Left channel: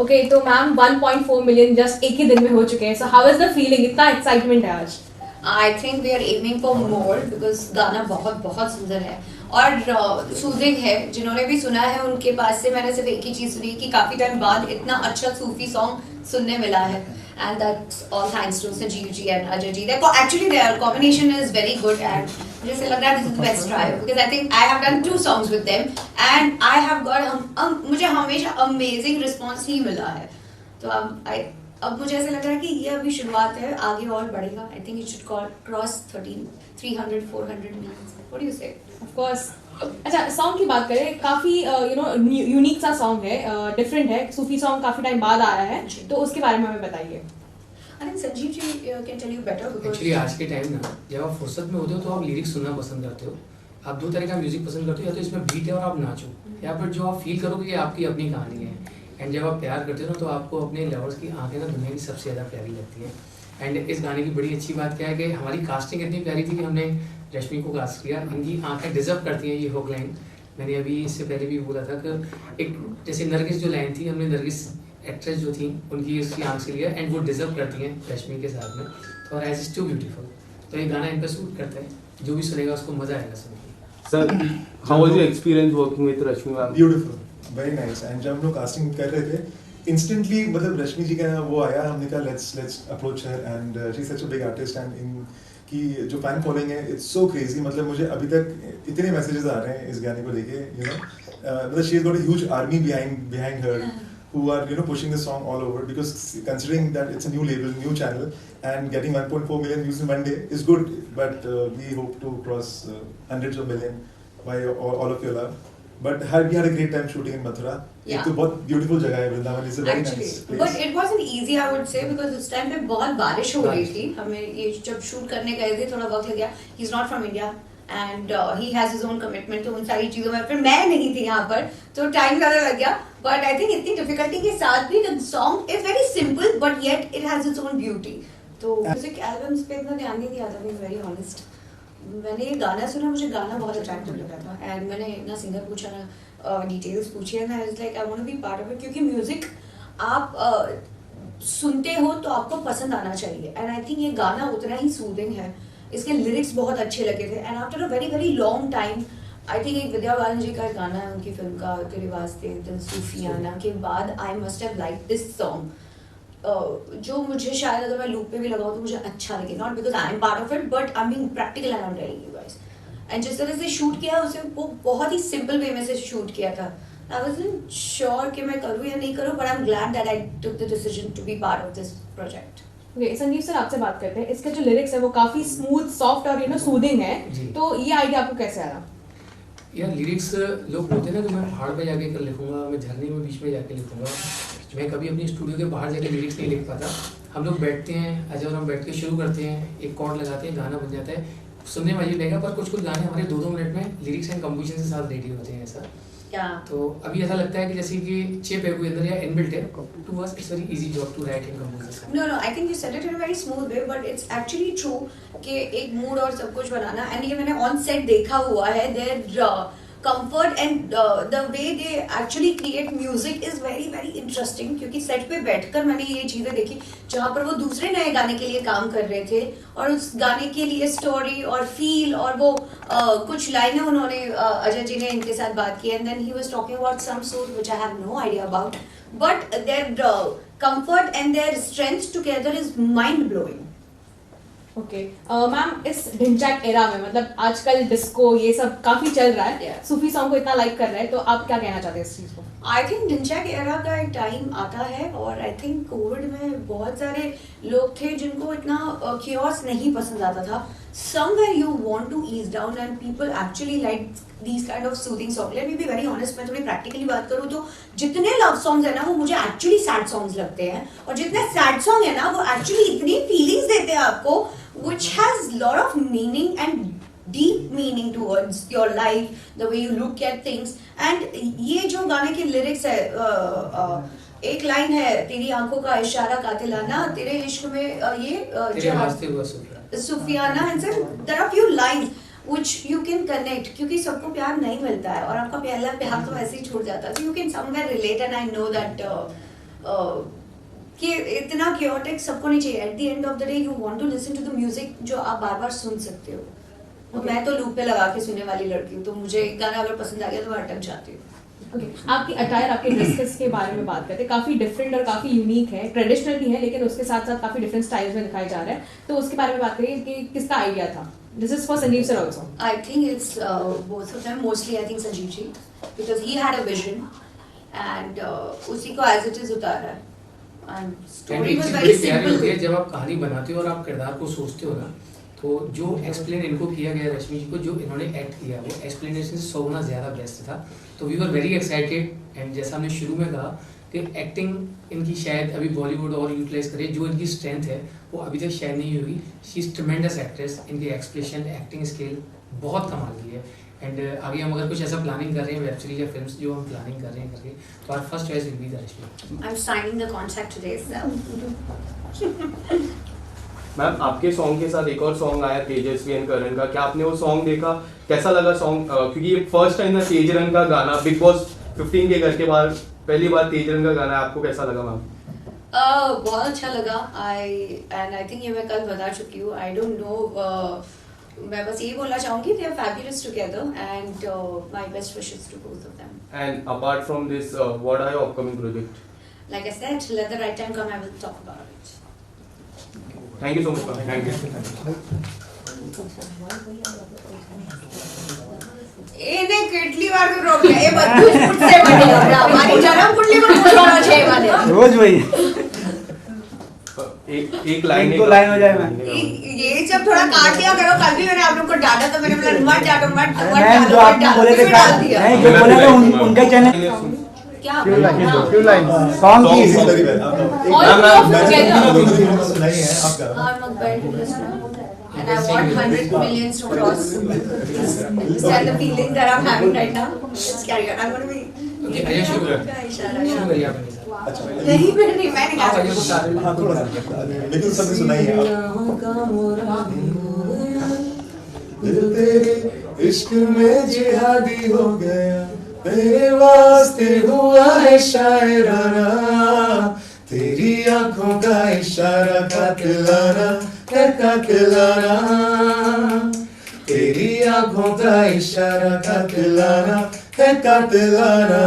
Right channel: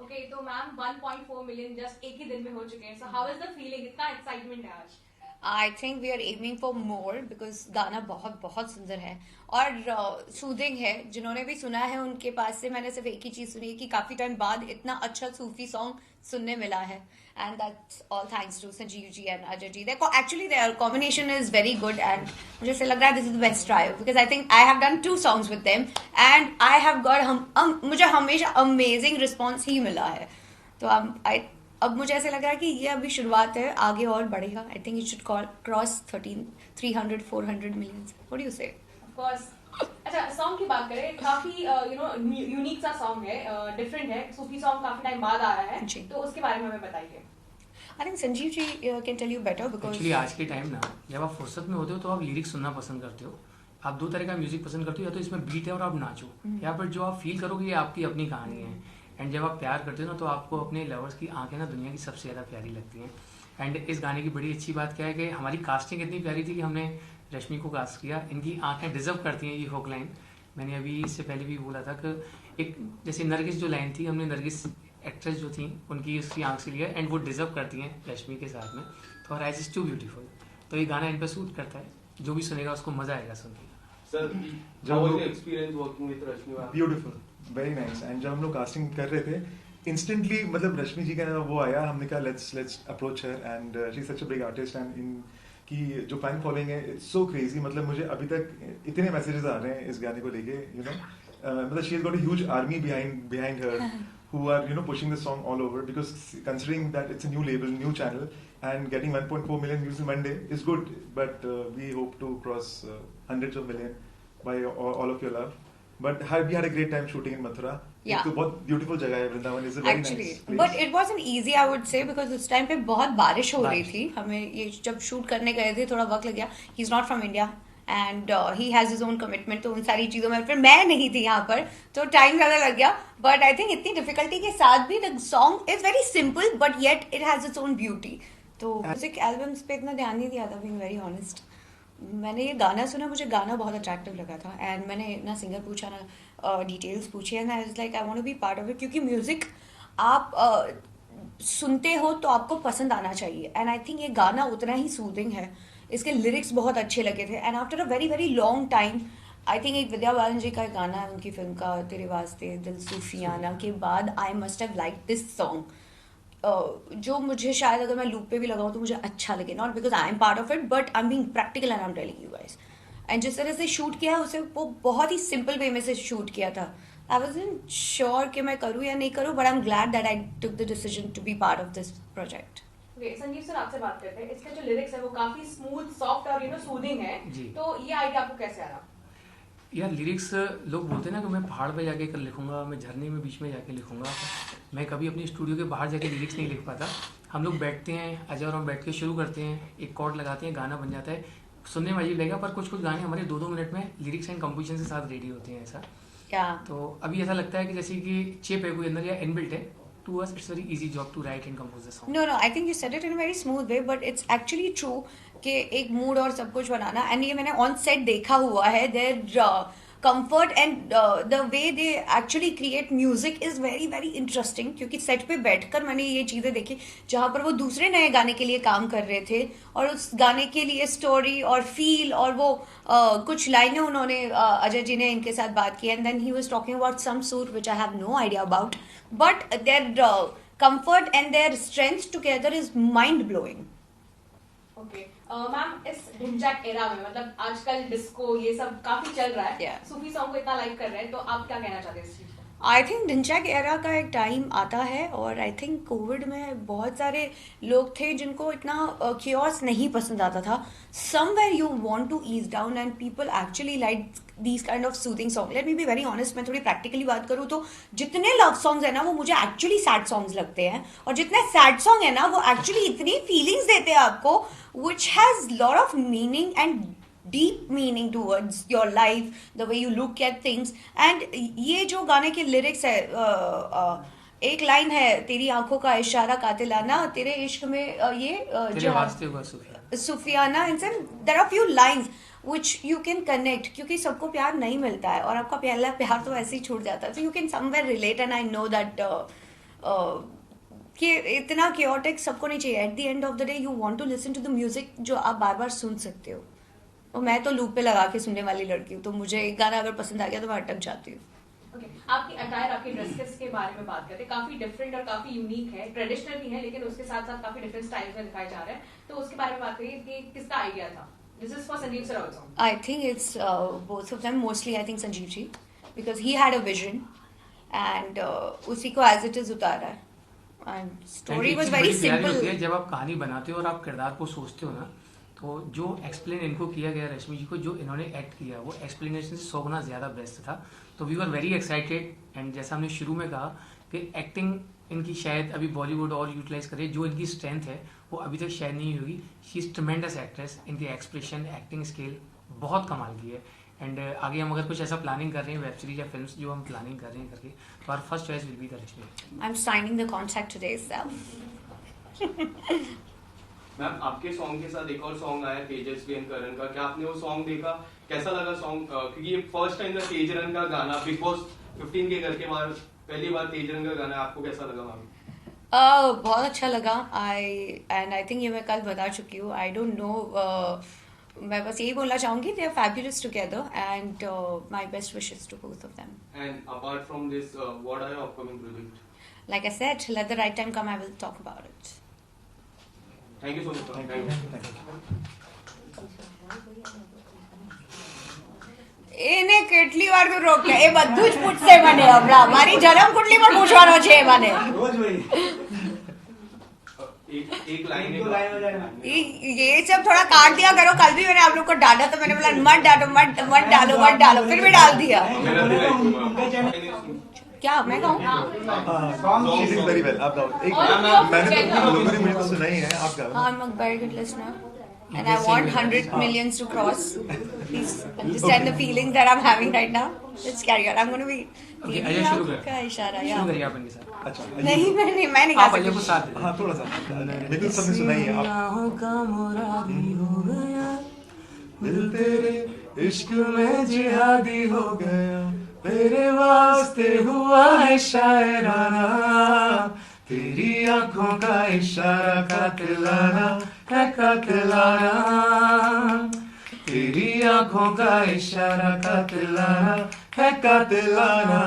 Okay तो ma'am 1.4 million just एक ही दिन में हो चुके हैं, so how is the feeling, इतना एक्साइटमेंट है आज? I think we are aiming for more because गाना बहुत बहुत सुंदर है और सूदिंग है. जिन्होंने भी सुना है उनके पास से मैंने सिर्फ एक ही चीज़ सुनी कि काफ़ी टाइम बाद इतना अच्छा सूफी सॉन्ग सुनने मिला है. And that's all thanks to Sanjeev ji and Ajay ji. Actually their combination is very good and मुझे ऐसा लग रहा है this is the best try because I think I have done 2 songs with them and I have got मुझे हमेशा amazing response ही मिला है. तो अब मुझे ऐसे लग रहा है कि ये अभी शुरुआत है, आगे और बढ़ेगा. I think it should cross 300-400 millions. What do you say? Of course. अच्छा सॉन्ग की बात करें, काफी यूनिक सा सॉन्ग है, डिफरेंट है, सूफी सॉन्ग काफी टाइम बाद आया है, तो उसके बारे में हमें बताइए. I think Sanjeev ji can tell you better because actually आज के टाइम ना जब आप फुर्सत में होते हो तो आप लिरिक्स सुनना पसंद करते हो. आप दो तरह का म्यूजिक पसंद करते हो, या तो इसमें बीट है और आप नाचो, या फिर जो आप फील करोगे ये आपकी अपनी कहानी है. एंड जब आप प्यार करते हो ना तो आपको अपने लवर्स की आंखें ना दुनिया की सबसे ज़्यादा प्यारी लगती हैं. एंड इस गाने की बड़ी अच्छी बात क्या है कि हमारी कास्टिंग इतनी प्यारी थी कि हमने रश्मि को कास्ट किया. इनकी आंखें डिजर्व करती हैं ये हुक लाइन. मैंने अभी इससे पहले भी बोला था कि एक जैसे नरगिस जो लाइन थी, हमने नरगिस एक्ट्रेस जो थी उनकी उसकी आंख से लिया एंड वो डिजर्व करती हैं रश्मि के साथ में. तो आइज इज टू ब्यूटीफुल, तो ये गाना इन पर सूट करता है. जो भी सुनेगा उसको मजा आएगा सुन के. Sir how was your experience working with Rashmi ma'am? Beautiful, very nice. And जब हम लोग कास्टिंग कर रहे थे इंस्टेंटली मतलब रश्मि जी का वो आया, हमने कहा let's approach her and she is such a big artist and in की जो फैन फॉलोइंग है इट्स सो क्रेजी. मतलब मुझे अभी तक इतने मैसेजेस आ रहे हैं इस गाने को लेके, यू नो मतलब she has got a huge army behind her who are pushing the song all over, because considering that it's a new label, new channel, and getting 1.4 million views in one day is good, but we hope to cross hundreds of million by all of your love. But we had a great time shooting in Mathura. Yeah. एक तो बहुत beautiful जगह है Vrindavan, is a very Actually, nice place. but it wasn't easy I would say because उस time पे बहुत बारिश हो रही थी. हमें ये जब शूट करने गए थे थोड़ा वक्त लग गया. He's not from India and he has his own commitment. तो उन सारी चीज़ों में फिर मैं नहीं थी यहाँ पर तो टाइम ज़्यादा लग गया. But I think इतनी डिफिकल्टी के साथ भी the song is very simple but yet it has its own beauty. तो म्यूजिक एल्बम्स पे इतना ध्यान नहीं दिया था, being very honest. मैंने ये गाना सुना, मुझे गाना बहुत अट्रैक्टिव लगा था एंड मैंने ना सिंगर पूछा ना डिटेल्स पूछी and I was like I want to be part of it. क्योंकि म्यूजिक आप सुनते हो तो आपको पसंद आना चाहिए एंड आई थिंक ये गाना उतना ही सूदिंग है. इसके लिरिक्स बहुत अच्छे लगे थे and after a very very long time I think एक विद्या बालन जी का गाना है उनकी फिल्म का तेरे वास्ते दिल सूफियाना के बाद I must have like this song. जो मुझे शायद अगर मैं लूप पे भी लगाऊं तो मुझे अच्छा लगे, not because I am part of it but I am being practical and I am telling you guys. And जिस तरह से शूट किया उसे वो बहुत ही सिंपल वे में से शूट किया था. आई वाज़न्ट श्योर कि मैं करूँ या नहीं करूँ but I am glad that I took the decision to be part of this project. Okay Sanjeev sir आपसे बात करते हैं. इसके जो लिरिक्स है वो काफी स्मूथ सॉफ्ट और सूदिंग है, तो ये आइडिया आपको कैसे आया? यार लिरिक्स लोग बोलते हैं ना कि मैं पहाड़ पे जाके कर लिखूंगा, मैं झरने में बीच में जाके लिखूंगा. मैं कभी अपनी स्टूडियो के बाहर जाके लिरिक्स नहीं लिख पाता. हम लोग बैठते हैं, अजय और हम बैठ के शुरू करते हैं, एक कॉर्ड लगाते हैं, गाना बन जाता है. सुनने में अजीब लगेगा पर कुछ कुछ गाने हमारे 2-2 मिनट में लिरिक्स एंड कंपोजिशन के साथ रेडी होते हैं ऐसा. तो अभी ऐसा लगता है कि जैसे कि चिप है कोई अंदर या इनबिल्ट है. To us it's very easy job to write and compose. No I think you said it in a very smooth way but it's actually true कि एक मूड और सब कुछ बनाना. एंड ये मैंने ऑन सेट देखा हुआ है. Their comfort and the way they actually create music is very very interesting. क्योंकि सेट पे बैठकर मैंने ये चीज़ें देखी जहाँ पर वो दूसरे नए गाने के लिए काम कर रहे थे और उस गाने के लिए स्टोरी और फील और वो कुछ लाइनें उन्होंने अजय जी ने इनके साथ बात की and then he was talking about some suit which I have no idea about but their comfort and their strength together is mind blowing. Okay ma'am इस ढिंचैक एरा में मतलब आजकल डिस्को ये सब काफी चल रहा है, सूफी सॉन्ग को इतना लाइक कर रहे हैं, तो आप क्या कहना चाहते हैं इस चीज को? आई थिंक ढिंचैक एरा का एक टाइम आता है और आई थिंक कोविड में बहुत सारे लोग थे जिनको इतना क्योस नहीं पसंद आता था. Somewhere you want to ease down and people actually like these kind of soothing song. Let me be very honest, मैं थोड़ी प्रैक्टिकली बात करूँ तो जितने लव सॉन्ग्स है ना वो मुझे एक्चुअली सैड सॉन्ग्स लगते हैं और जितने सैड सॉन्ग है ना वो एक्चुअली इतनी फीलिंग्स देते हैं आपको which has lot of meaning and deep meaning towards your life, the way you look at things. And ये जो गाने के lyrics है एक लाइन है तेरी आंखों का इशारा कातिलाना तेरे इश्क में ये सूफियाना and there are few lines which you can connect क्योंकि सबको प्यार नहीं मिलता है और आपका पहला प्यार तो ऐसे ही छूट जाता है. So you can somewhere relate and I know that कि इतना chaotic सबको नहीं चाहिए. At the end of the day, you want to listen to the music जो आप बार बार सुन सकते हो. और मैं तो लूप पे लगा के सुनने वाली लड़की हूँ, तो मुझे एक गाना अगर पसंद आ गया तो मैं अटक जाती हूँ. ओके, आपकी अटायर, आपके ड्रेसेस के बारे में बात करते हैं, काफी डिफरेंट और काफी यूनिक है, ट्रेडिशनल भी है लेकिन उसके साथ साथ काफी डिफरेंट स्टाइल्स में दिखाई जा रहा है, तो उसके बारे में बात करिए कि किसका आइडिया था. This is for Sanjeev sir also. I think it's both of them. Mostly, I think Sanjeev ji, because he had a vision, and उसी को as it is उतारा है. And story was very simple. जब आप कहानी बनाते हो और आप किरदार को सोचते हो ना, तो जो एक्सप्लेन इनको किया गया रश्मि जी को, जो इन्होंने एक्ट किया, वो एक्सप्लेनेशन 100 गुना ज़्यादा बेस्ट था. तो we were very excited. And जैसा हमने शुरू में कहा कि एक्टिंग इनकी शायद अभी बॉलीवुड और यूटिलाइज करे, जो इनकी स्ट्रेंथ है वो अभी तक शायद नहीं हुई. She is ट्रेमेंडस actress. इनकी एक्सप्रेशन, एक्टिंग स्किल बहुत कमाल की है. एंड आगे हम अगर कुछ ऐसा प्लानिंग कर रहे हैं, वेब सीरीज या फिल्म्स जो हम प्लानिंग कर रहे हैं करके, तो our first choice will be the Rashmi. I'm signing the contract today, so. Ma'am आपके सॉन्ग के साथ एक और सॉन्ग आया तेजस्वी एंड करण का, क्या आपने वो सॉन्ग देखा? कैसा लगा सॉन्ग? क्योंकि ये फर्स्ट टाइम ना तेजरंग का गाना बिग बॉस 15 के घर के बाद पहली बार तेजरंग का गाना, आपको कैसा लगा मैम? बहुत अच्छा लगा. I think ये मैं कल बता चुकी हूँ. I don't know. मैं बस ये बोलना चाहूँगी they are fabulous together and my best wishes to both of them. And apart from this, what are your upcoming projects? Like I said, let the right time come, I will talk about it. Thank you so much. Thank you. એને કેટલી વાર તો રોક્યા એ બધું જ પૂછશે મને હમણાં મારી જન્મ કુંડલી પણ પૂછવાનો છે એ મને रोज वही एक लाइन एक दो लाइन हो जाए मैम. ये जब थोड़ा काट दिया करो. कल भी मैंने आप लोग को डांटा तो मैंने बोला मत डालो मत मैम जो डालो आप बोले फिर थे, भी डाल दिया. नहीं जो बोले थे उनका चैनल क्या क्यों लाइन सॉन्ग की वेरी वेल. आप गाओ. All of मैंने together. दोनों की हिम्मत सुनाई है, आप गाओ. I'm not bad at listening. And I want 100 millions to cross. Please understand the feeling that I'm having right now. Let's carry on. I'm going to be. Okay, आइए शुरू करें. क्या इशारा शुरू यार? करिए अपने साथ. अच्छा. नहीं मैं नहीं गा आप आइए सकती. कुछ साथ में. हाँ थोड़ा सा. लेकिन सबने सुनाई है आप. दिल तेरे इश्क में जिहादी हो गया, तेरे वास्ते हुआ है शायराना, तेरी आंखों का इशारा कातिलाना है कातिलाना, तेरी आंखों का इशारा कातिलाना है कातिलाना.